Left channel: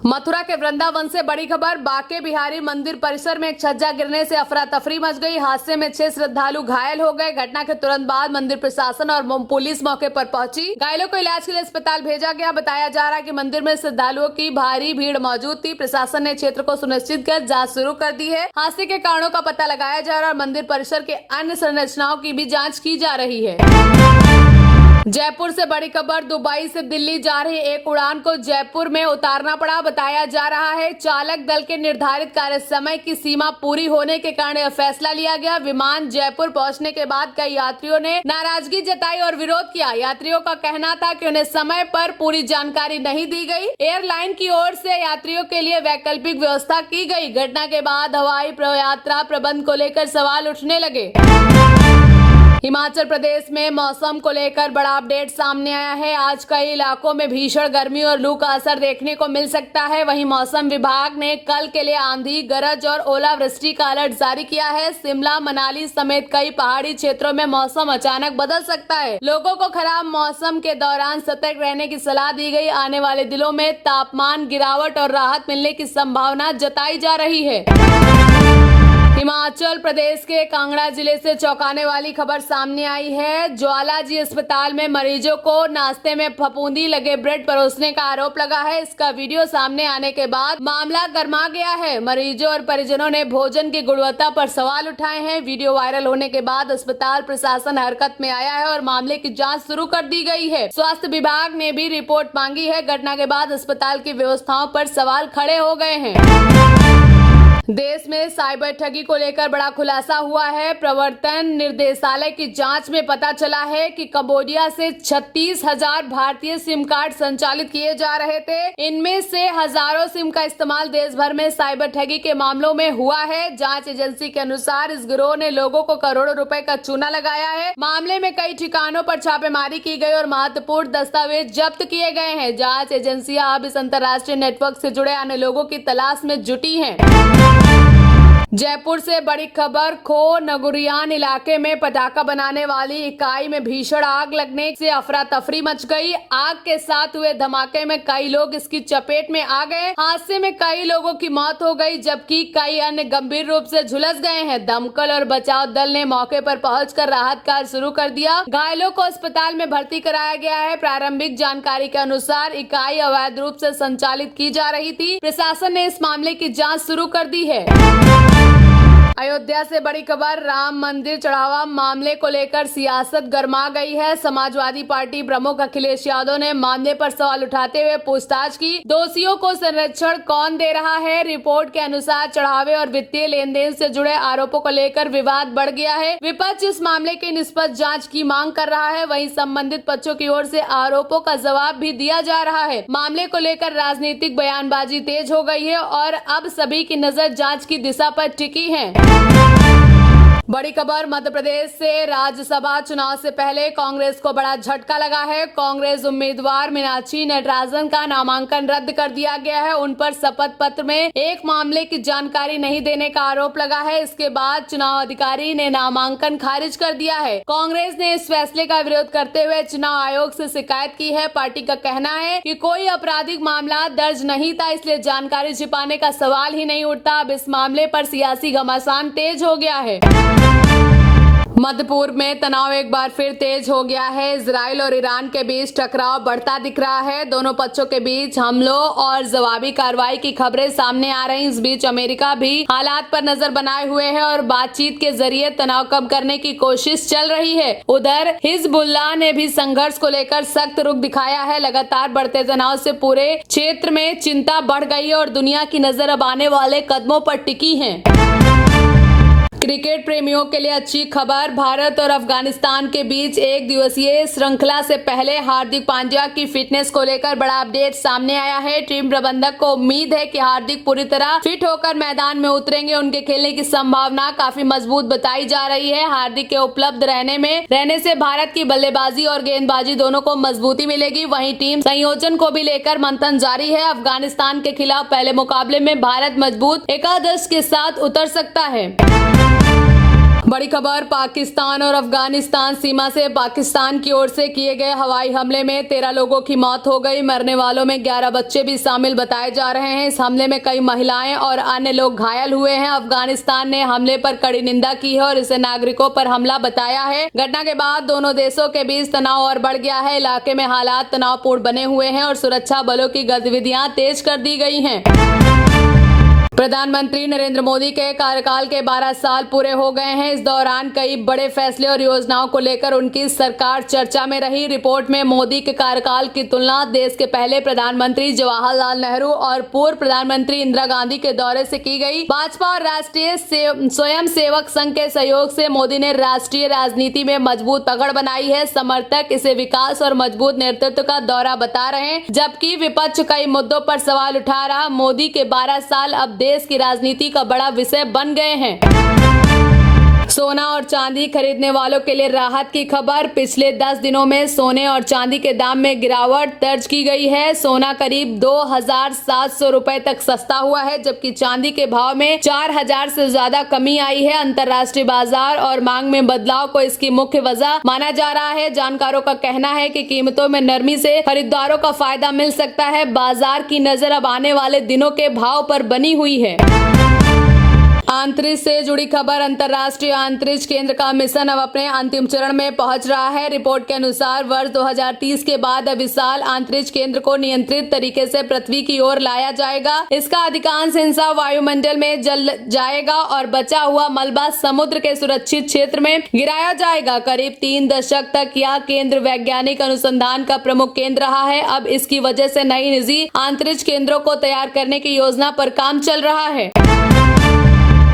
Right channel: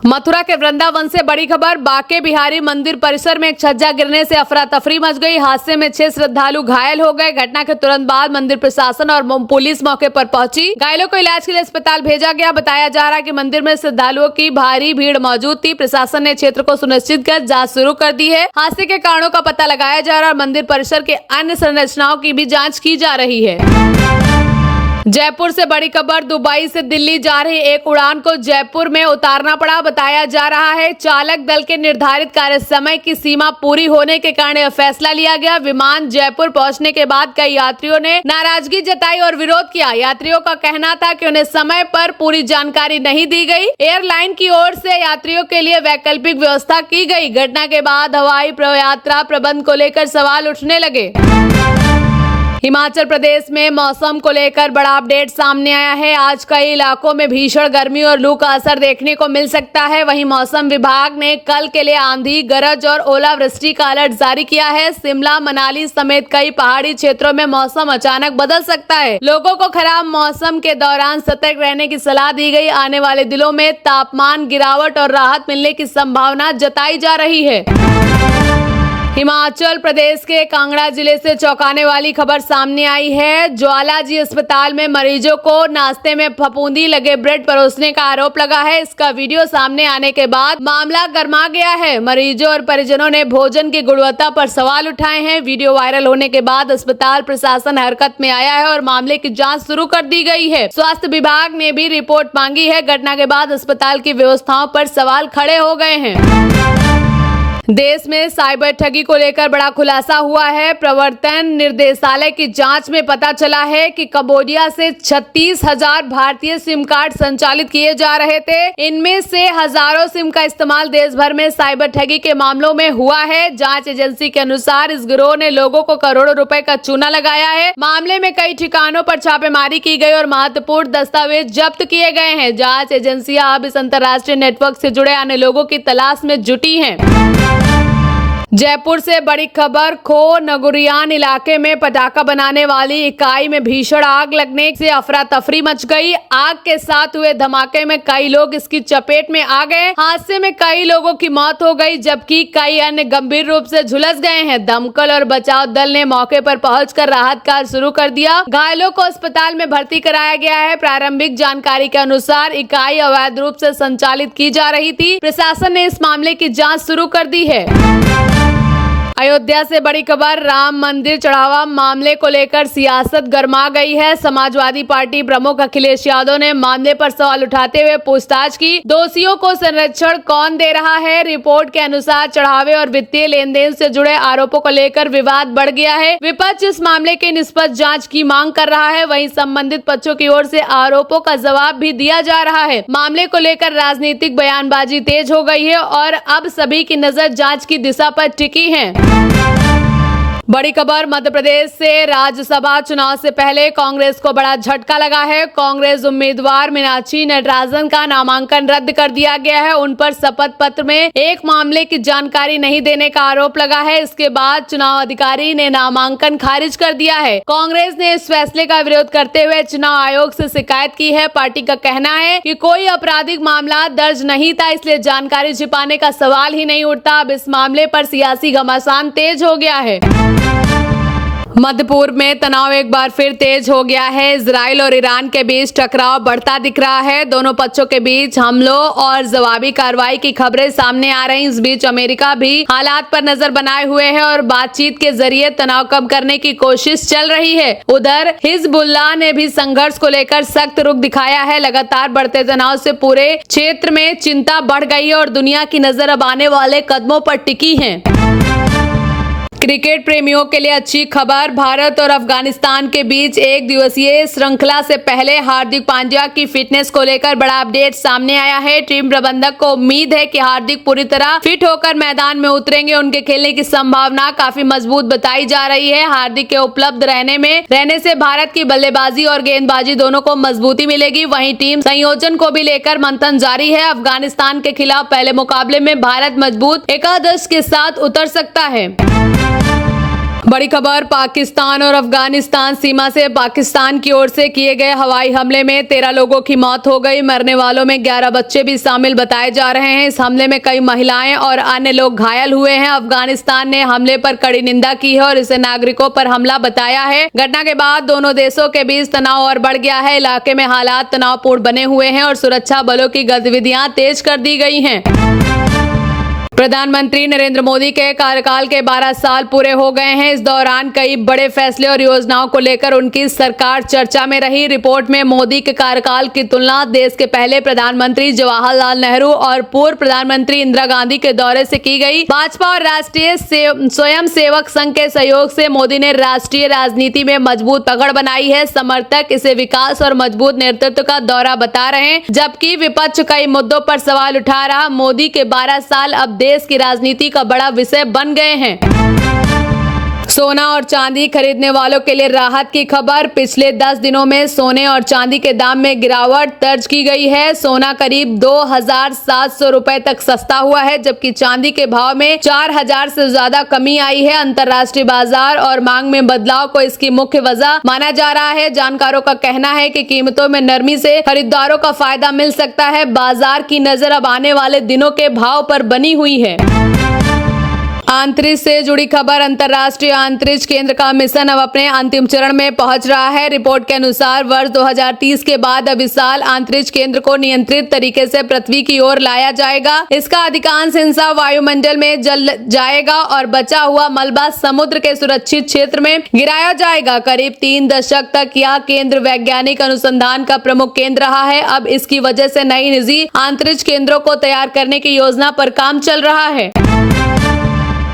मथुरा के वृंदावन से बड़ी खबर। बांके बिहारी मंदिर परिसर में एक छज्जा गिरने से अफरा तफरी मच गई। हादसे में 6 श्रद्धालु घायल हो गए। घटना के तुरंत बाद मंदिर प्रशासन और पुलिस मौके पर पहुंची। घायलों को इलाज के लिए अस्पताल भेजा गया। बताया जा रहा है कि मंदिर में श्रद्धालुओं की भारी भीड़ मौजूद थी। प्रशासन ने क्षेत्र को सुनिश्चित कर जाँच शुरू कर दी है। हादसे के कारणों का पता लगाया जा रहा है और मंदिर परिसर के अन्य संरचनाओं की भी जाँच की जा रही है। जयपुर से बड़ी खबर। दुबई से दिल्ली जा रही एक उड़ान को जयपुर में उतारना पड़ा। बताया जा रहा है चालक दल के निर्धारित कार्य समय की सीमा पूरी होने के कारण यह फैसला लिया गया। विमान जयपुर पहुंचने के बाद कई यात्रियों ने नाराजगी जताई और विरोध किया। यात्रियों का कहना था कि उन्हें समय पर पूरी जानकारी नहीं दी गई। एयरलाइन की ओर से यात्रियों के लिए वैकल्पिक व्यवस्था की गई। घटना के बाद हवाई यात्रा प्रबंध को लेकर सवाल उठने लगे। हिमाचल प्रदेश में मौसम को लेकर बड़ा अपडेट सामने आया है। आज कई इलाकों में भीषण गर्मी और लू का असर देखने को मिल सकता है। वहीं मौसम विभाग ने कल के लिए आंधी, गरज और ओलावृष्टि का अलर्ट जारी किया है। शिमला, मनाली समेत कई पहाड़ी क्षेत्रों में मौसम अचानक बदल सकता है। लोगों को खराब मौसम के दौरान सतर्क रहने की सलाह दी गई। आने वाले दिनों में तापमान गिरावट और राहत मिलने की संभावना जताई जा रही है। हिमाचल प्रदेश के कांगड़ा जिले से चौंकाने वाली खबर सामने आई है। ज्वालाजी अस्पताल में मरीजों को नाश्ते में फफूंदी लगे ब्रेड परोसने का आरोप लगा है। इसका वीडियो सामने आने के बाद मामला गर्मा गया है। मरीजों और परिजनों ने भोजन की गुणवत्ता पर सवाल उठाए हैं। वीडियो वायरल होने के बाद अस्पताल प्रशासन हरकत में आया है और मामले की जाँच शुरू कर दी गई है। स्वास्थ्य विभाग ने भी रिपोर्ट मांगी है। घटना के बाद अस्पताल की व्यवस्थाओं पर सवाल खड़े हो गए हैं। देश में साइबर ठगी को लेकर बड़ा खुलासा हुआ है। प्रवर्तन निर्देशालय की जांच में पता चला है कि कंबोडिया से 36,000 भारतीय सिम कार्ड संचालित किए जा रहे थे। इनमें से हजारों सिम का इस्तेमाल देश भर में साइबर ठगी के मामलों में हुआ है। जांच एजेंसी के अनुसार इस गिरोह ने लोगों को करोड़ों रुपए का चूना लगाया है। मामले में कई ठिकानों पर छापेमारी की गई और महत्वपूर्ण दस्तावेज जब्त किए गए हैं। जांच एजेंसियां अब इस अंतर्राष्ट्रीय नेटवर्क से जुड़े अन्य लोगों की तलाश में जुटी हैं। जयपुर से बड़ी खबर। खो नगुरियान इलाके में पटाखा बनाने वाली इकाई में भीषण आग लगने से अफरा तफरी मच गई। आग के साथ हुए धमाके में कई लोग इसकी चपेट में आ गए। हादसे में कई लोगों की मौत हो गई जबकि कई अन्य गंभीर रूप से झुलस गए हैं। दमकल और बचाव दल ने मौके पर पहुंचकर राहत कार्य शुरू कर दिया। घायलों को अस्पताल में भर्ती कराया गया है। प्रारंभिक जानकारी के अनुसार इकाई अवैध रूप से संचालित की जा रही थी। प्रशासन ने इस मामले की जाँच शुरू कर दी है। अयोध्या से बड़ी खबर। राम मंदिर चढ़ावा मामले को लेकर सियासत गर्मा गई है। समाजवादी पार्टी प्रमुख अखिलेश यादव ने मामले पर सवाल उठाते हुए पूछताछ की। दोषियों को संरक्षण कौन दे रहा है? रिपोर्ट के अनुसार चढ़ावे और वित्तीय लेन देन से जुड़े आरोपों को लेकर विवाद बढ़ गया है। विपक्ष इस मामले की निष्पक्ष जाँच की मांग कर रहा है। वहीं संबंधित पक्षों की ओर से आरोपों का जवाब भी दिया जा रहा है। मामले को लेकर राजनीतिक बयानबाजी तेज हो गई है और अब सभी की नजर जाँच की दिशा पर टिकी है। बड़ी खबर। मध्य प्रदेश से राज्यसभा चुनाव से पहले कांग्रेस को बड़ा झटका लगा है। कांग्रेस उम्मीदवार मीनाक्षी नटराजन का नामांकन रद्द कर दिया गया है। उन पर शपथ पत्र में एक मामले की जानकारी नहीं देने का आरोप लगा है। इसके बाद चुनाव अधिकारी ने नामांकन खारिज कर दिया है। कांग्रेस ने इस फैसले का विरोध करते हुए चुनाव आयोग से शिकायत की है। पार्टी का कहना है कि कोई आपराधिक मामला दर्ज नहीं था, इसलिए जानकारी छिपाने का सवाल ही नहीं उठता। अब इस मामले पर सियासी घमासान तेज हो गया है। मध्य पूर्व में तनाव एक बार फिर तेज हो गया है। इजराइल और ईरान के बीच टकराव बढ़ता दिख रहा है। दोनों पक्षों के बीच हमलों और जवाबी कार्रवाई की खबरें सामने आ रही। इस बीच अमेरिका भी हालात पर नजर बनाए हुए है और बातचीत के जरिए तनाव कम करने की कोशिश चल रही है। उधर हिजबुल्लाह ने भी संघर्ष को लेकर सख्त रुख दिखाया है। लगातार बढ़ते तनाव से पूरे क्षेत्र में चिंता बढ़ गई है और दुनिया की नजर अब आने वाले कदमों पर टिकी है। क्रिकेट प्रेमियों के लिए अच्छी खबर। भारत और अफगानिस्तान के बीच एक दिवसीय श्रृंखला से पहले हार्दिक पांड्या की फिटनेस को लेकर बड़ा अपडेट सामने आया है। टीम प्रबंधक को उम्मीद है कि हार्दिक पूरी तरह फिट होकर मैदान में उतरेंगे। उनके खेलने की संभावना काफी मजबूत बताई जा रही है। हार्दिक के उपलब्ध रहने से भारत की बल्लेबाजी और गेंदबाजी दोनों को मजबूती मिलेगी। वहीं टीम संयोजन को भी लेकर मंथन जारी है। अफगानिस्तान के खिलाफ पहले मुकाबले में भारत मजबूत एकादश के साथ उतर सकता है। बड़ी खबर, पाकिस्तान और अफगानिस्तान सीमा से पाकिस्तान की ओर से किए गए हवाई हमले में 13 लोगों की मौत हो गई। मरने वालों में 11 बच्चे भी शामिल बताए जा रहे हैं। इस हमले में कई महिलाएं और अन्य लोग घायल हुए हैं। अफगानिस्तान ने हमले पर कड़ी निंदा की है और इसे नागरिकों पर हमला बताया है। घटना के बाद दोनों देशों के बीच तनाव और बढ़ गया है। इलाके में हालात तनावपूर्ण बने हुए हैं और सुरक्षा बलों की गतिविधियां तेज कर दी गई हैं। प्रधानमंत्री नरेंद्र मोदी के कार्यकाल के 12 साल पूरे हो गए हैं। इस दौरान कई बड़े फैसले और योजनाओं को लेकर उनकी सरकार चर्चा में रही। रिपोर्ट में मोदी के कार्यकाल की तुलना देश के पहले प्रधानमंत्री जवाहरलाल नेहरू और पूर्व प्रधानमंत्री इंदिरा गांधी के दौरे से की गई। भाजपा और राष्ट्रीय स्वयंसेवक संघ के सहयोग से मोदी ने राष्ट्रीय राजनीति में मजबूत पकड़ बनाई है। समर्थक इसे विकास और मजबूत नेतृत्व का दौरा बता रहे हैं, जबकि विपक्ष कई मुद्दों पर सवाल उठा रहा। मोदी के 12 साल अब देश की राजनीति का बड़ा विषय बन गए हैं। सोना और चांदी खरीदने वालों के लिए राहत की खबर। पिछले 10 दिनों में सोने और चांदी के दाम में गिरावट दर्ज की गई है। सोना करीब 2,700 रुपए तक सस्ता हुआ है, जबकि चांदी के भाव में 4,000 से ज्यादा कमी आई है। अंतर्राष्ट्रीय बाजार और मांग में बदलाव को इसकी मुख्य वजह माना जा रहा है। जानकारों का कहना है कि कीमतों में नरमी से खरीदारों का फायदा मिल सकता है। बाजार की नजर अब आने वाले दिनों के भाव पर बनी हुई है। अंतरिक्ष से जुड़ी खबर। अंतर्राष्ट्रीय अंतरिक्ष केंद्र का मिशन अब अपने अंतिम चरण में पहुंच रहा है। रिपोर्ट के अनुसार वर्ष 2030 के बाद अब विशाल अंतरिक्ष केंद्र को नियंत्रित तरीके से पृथ्वी की ओर लाया जाएगा। इसका अधिकांश हिस्सा वायुमंडल में जल जाएगा और बचा हुआ मलबा समुद्र के सुरक्षित क्षेत्र में गिराया जाएगा। करीब 3 दशक तक यह केंद्र वैज्ञानिक अनुसंधान का प्रमुख केंद्र रहा है। अब इसकी वजह से नई निजी अंतरिक्ष केंद्रों को तैयार करने की योजना पर काम चल रहा है।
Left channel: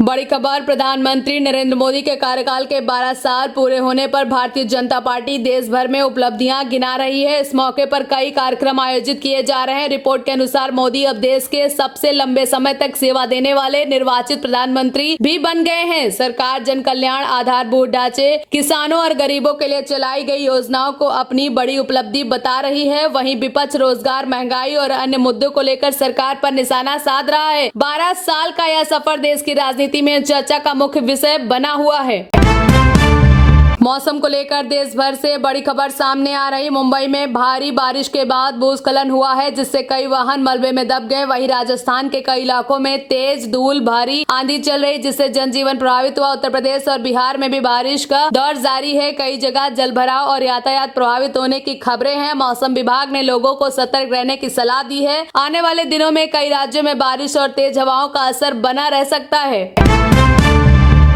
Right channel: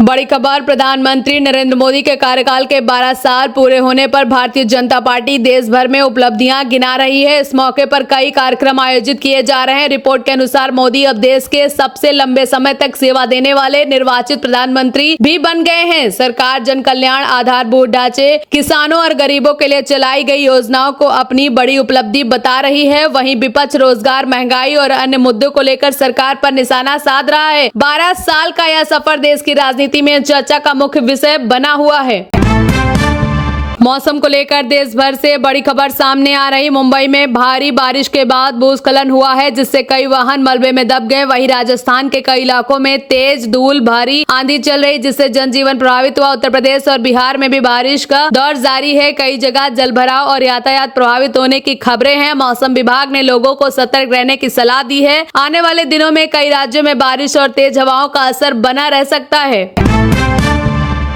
बड़ी खबर, प्रधानमंत्री नरेंद्र मोदी के कार्यकाल के 12 साल पूरे होने पर भारतीय जनता पार्टी देश भर में उपलब्धियां गिना रही है। इस मौके पर कई कार्यक्रम आयोजित किए जा रहे हैं। रिपोर्ट के अनुसार मोदी अब देश के सबसे लंबे समय तक सेवा देने वाले निर्वाचित प्रधानमंत्री भी बन गए हैं। सरकार जन कल्याण, आधारभूत ढांचे, किसानों और गरीबों के लिए चलाई गई योजनाओं को अपनी बड़ी उपलब्धि बता रही है। वहीं विपक्ष रोजगार, महंगाई और अन्य मुद्दों को लेकर सरकार पर निशाना साध रहा है। 12 साल का यह सफर देश की राजनीति में चर्चा का मुख्य विषय बना हुआ है। मौसम को लेकर देश भर से बड़ी खबर सामने आ रही। मुंबई में भारी बारिश के बाद भूस्खलन हुआ है, जिससे कई वाहन मलबे में दब गए। वहीं राजस्थान के कई इलाकों में तेज धूल भारी आंधी चल रही, जिससे जनजीवन प्रभावित हुआ। उत्तर प्रदेश और बिहार में भी बारिश का दौर जारी है। कई जगह जलभराव और यातायात प्रभावित होने की खबरें हैं। मौसम विभाग ने लोगों को सतर्क रहने की सलाह दी है। आने वाले दिनों में कई राज्यों में बारिश और तेज हवाओं का असर बना रह सकता है।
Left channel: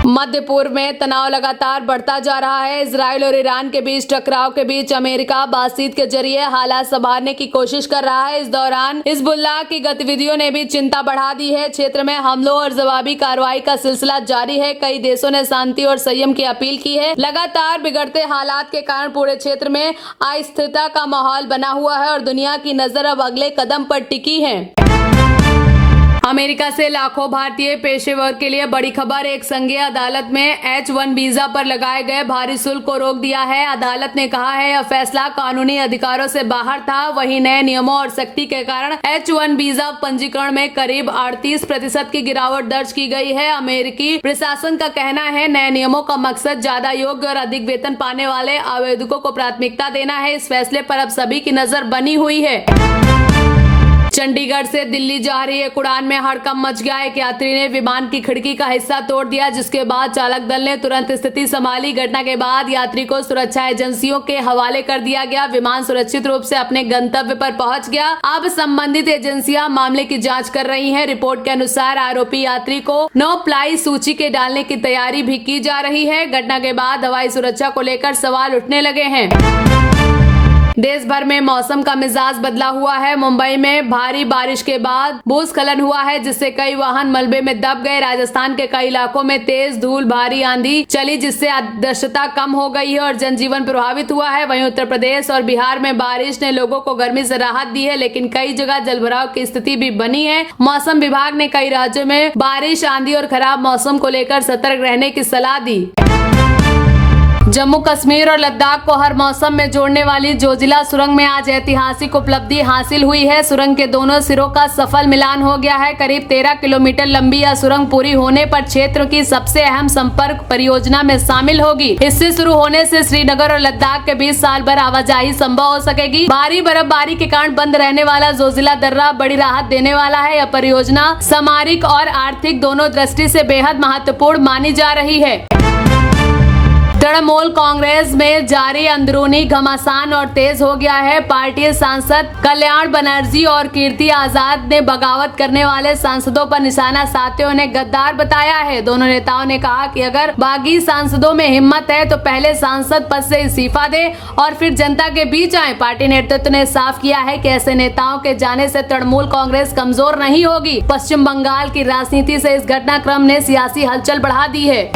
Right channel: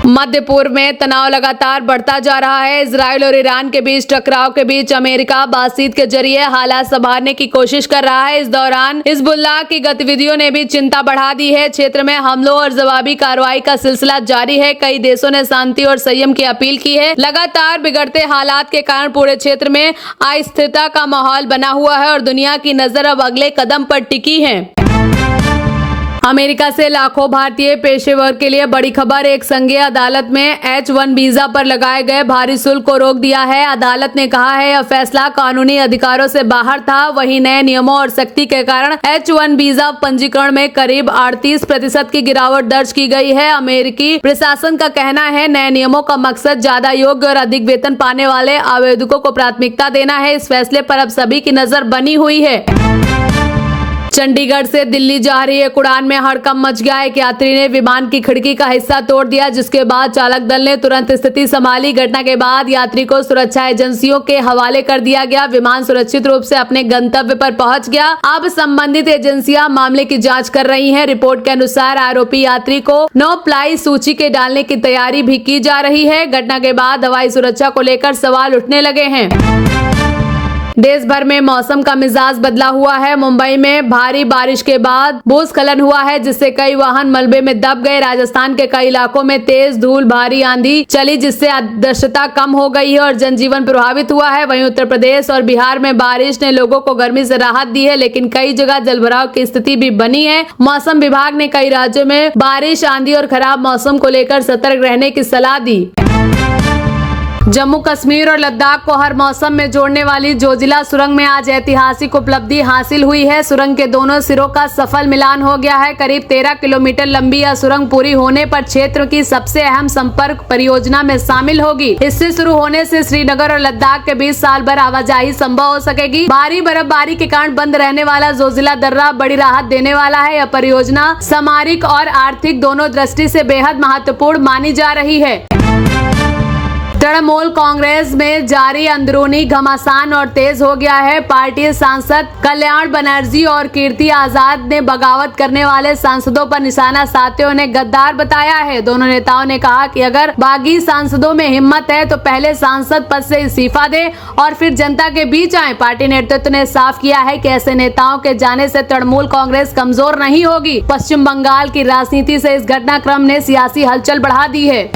मध्य पूर्व में तनाव लगातार बढ़ता जा रहा है। इजराइल और ईरान के बीच टकराव के बीच अमेरिका बातचीत के जरिए हालात संभालने की कोशिश कर रहा है। इस दौरान हिजबुल्लाह की गतिविधियों ने भी चिंता बढ़ा दी है। क्षेत्र में हमलों और जवाबी कार्रवाई का सिलसिला जारी है। कई देशों ने शांति और संयम की अपील की है। लगातार बिगड़ते हालात के कारण पूरे क्षेत्र में अस्थिरता का माहौल बना हुआ है और दुनिया की नजर अब अगले कदम पर टिकी है। अमेरिका से लाखों भारतीय पेशेवर के लिए बड़ी खबर। एक संघीय अदालत में H1 वीजा पर लगाए गए भारी शुल्क को रोक दिया है। अदालत ने कहा है यह फैसला कानूनी अधिकारों से बाहर था। वहीं नए नियमों और सख्ती के कारण H1 वीजा पंजीकरण में करीब 38% की गिरावट दर्ज की गई है। अमेरिकी प्रशासन का कहना है नए नियमों का मकसद ज्यादा योग्य और अधिक वेतन पाने वाले आवेदकों को प्राथमिकता देना है। इस फैसले पर अब सभी की नजर बनी हुई है। चंडीगढ़ से दिल्ली जा रही एक उड़ान में हड़कंप मच गया। एक यात्री ने विमान की खिड़की का हिस्सा तोड़ दिया, जिसके बाद चालक दल ने तुरंत स्थिति संभाली। घटना के बाद यात्री को सुरक्षा एजेंसियों के हवाले कर दिया गया। विमान सुरक्षित रूप से अपने गंतव्य पर पहुंच गया। अब संबंधित एजेंसियां मामले की जांच कर रही हैं। रिपोर्ट के अनुसार आरोपी यात्री को नो फ्लाई सूची के डालने की तैयारी भी की जा रही है। घटना के बाद हवाई सुरक्षा को लेकर सवाल उठने लगे हैं। देश भर में मौसम का मिजाज बदला हुआ है। मुंबई में भारी बारिश के बाद भूस्खलन हुआ है, जिससे कई वाहन मलबे में दब गए। राजस्थान के कई इलाकों में तेज धूल भारी आंधी चली, जिससे दृश्यता कम हो गई है और जनजीवन प्रभावित हुआ है। वहीं उत्तर प्रदेश और बिहार में बारिश ने लोगों को गर्मी से राहत दी है, लेकिन कई जगह जलभराव की स्थिति भी बनी है। मौसम विभाग ने कई राज्यों में बारिश, आंधी और खराब मौसम को लेकर सतर्क रहने की सलाह दी। जम्मू कश्मीर और लद्दाख को हर मौसम में जोड़ने वाली जोजिला सुरंग में आज ऐतिहासिक उपलब्धि हासिल हुई है। सुरंग के दोनों सिरों का सफल मिलान हो गया है। करीब 13 किलोमीटर लंबी यह सुरंग पूरी होने पर क्षेत्र की सबसे अहम संपर्क परियोजना में शामिल होगी। इससे शुरू होने से श्रीनगर और लद्दाख के बीच साल भर आवाजाही संभव हो सकेगी। भारी बर्फबारी के कारण बंद रहने वाला जोजिला दर्रा बड़ी राहत देने वाला है। यह परियोजना सामरिक और आर्थिक दोनों दृष्टि से बेहद महत्वपूर्ण मानी जा रही है। तृणमूल कांग्रेस में जारी अंदरूनी घमासान और तेज हो गया है। पार्टी सांसद कल्याण बनर्जी और कीर्ति आजाद ने बगावत करने वाले सांसदों पर निशाना साधते उन्हें गद्दार बताया है। दोनों नेताओं ने कहा कि अगर बागी सांसदों में हिम्मत है तो पहले सांसद पद से इस्तीफा दे और फिर जनता के बीच आए। पार्टी नेतृत्व ने साफ किया है कि ऐसे नेताओं के जाने से तृणमूल कांग्रेस कमजोर नहीं होगी। पश्चिम बंगाल की राजनीति से इस घटनाक्रम ने सियासी हलचल बढ़ा दी है।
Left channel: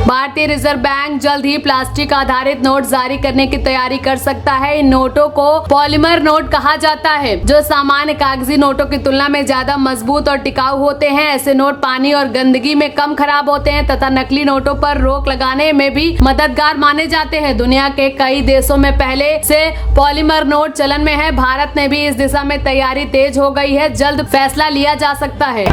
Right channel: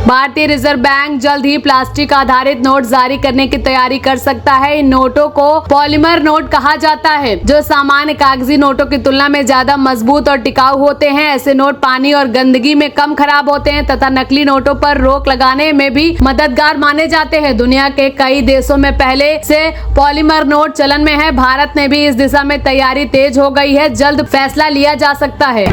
भारतीय रिजर्व बैंक जल्द ही प्लास्टिक आधारित नोट जारी करने की तैयारी कर सकता है। इन नोटों को पॉलीमर नोट कहा जाता है, जो सामान्य कागजी नोटों की तुलना में ज्यादा मजबूत और टिकाऊ होते हैं। ऐसे नोट पानी और गंदगी में कम खराब होते हैं तथा नकली नोटों पर रोक लगाने में भी मददगार माने जाते हैं। दुनिया के कई देशों में पहले से पॉलीमर नोट चलन में है। भारत में भी इस दिशा में तैयारी तेज हो गई है। जल्द फैसला लिया जा सकता है।